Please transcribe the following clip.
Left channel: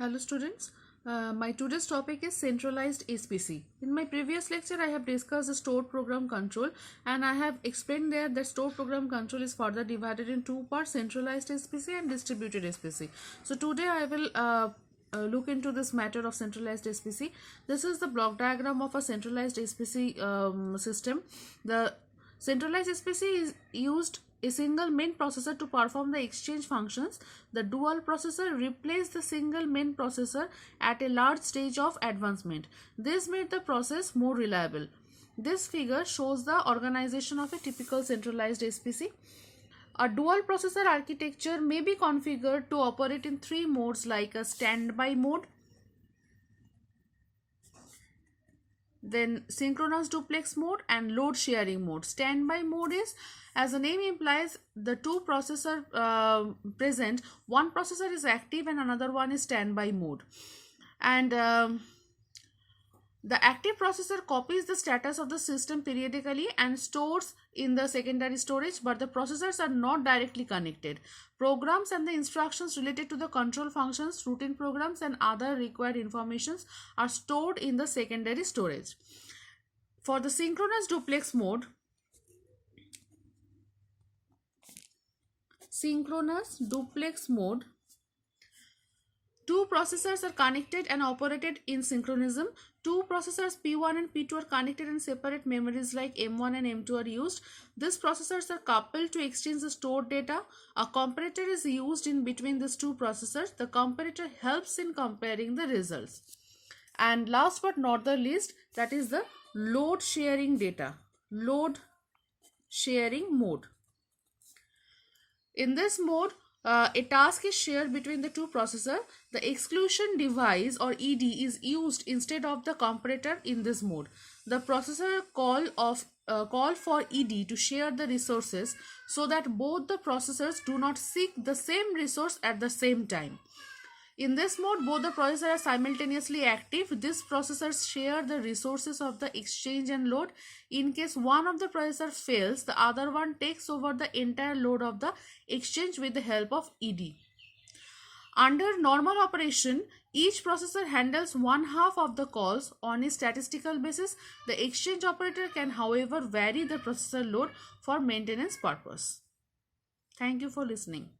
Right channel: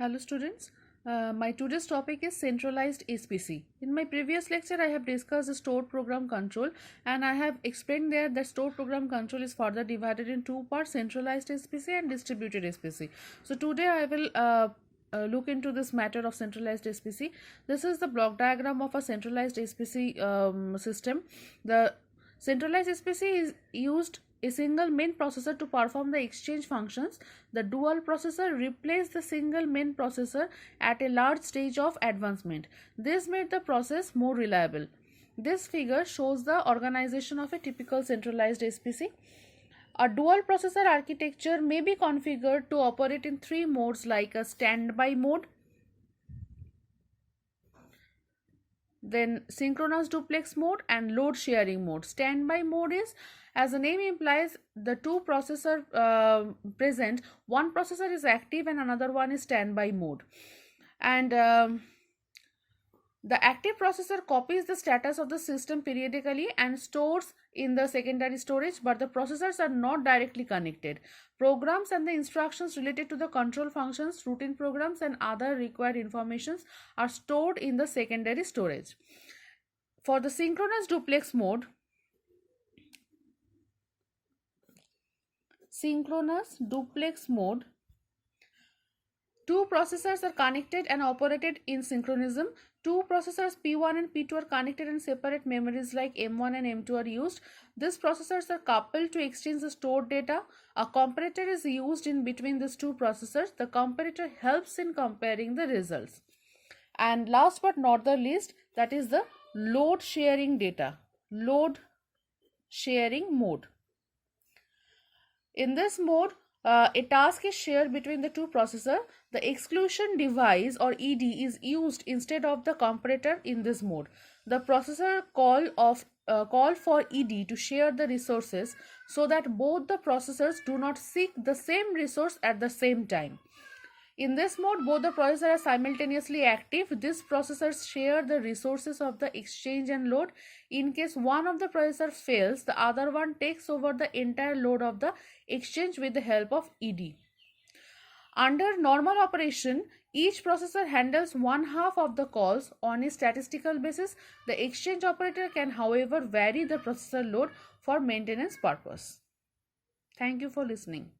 Hello students, my today's topic is centralized SPC. In my previous lecture I have discussed stored program control and I have explained there that stored program control is further divided in two parts, centralized SPC and distributed SPC. So today I will look into this matter of centralized SPC. This is the block diagram of a centralized SPC system. The centralized SPC is used a single main processor to perform the exchange functions. The dual processor replaced the single main processor at a large stage of advancement. This made the process more reliable. This figure shows the organization of a typical centralized SPC. A dual processor architecture may be configured to operate in three modes like a standby mode, then synchronous duplex mode and load sharing mode. Standby mode is, as the name implies, the two processor present, one processor is active and another one is standby mode. And the active processor copies the status of the system periodically and stores in the secondary storage, but the processors are not directly connected. Programs and the instructions related to the control functions, routine programs and other required informations are stored in the secondary storage. For the synchronous duplex mode, two processors are connected and operated in synchronism. Two processors P1 and P2 are connected and separate memories like M1 and M2 are used. These processors are coupled to exchange the stored data. A comparator is used in between these two processors. The comparator helps in comparing the results. And last but not the least, that is the load sharing mode. In this mode, a task is shared between the two processors. The exclusion device or ED is used instead of the comparator in this mode. The processor call for ED to share the resources so that both the processors do not seek the same resource at the same time. In this mode, both the processors are simultaneously active. These processors share the resources of the exchange and load. In case one of the processor fails, the other one takes over the entire load of the exchange with the help of ED. Under normal operation, each processor handles one half of the calls on a statistical basis. The exchange operator can, however, vary the processor load for maintenance purpose. Thank you for listening.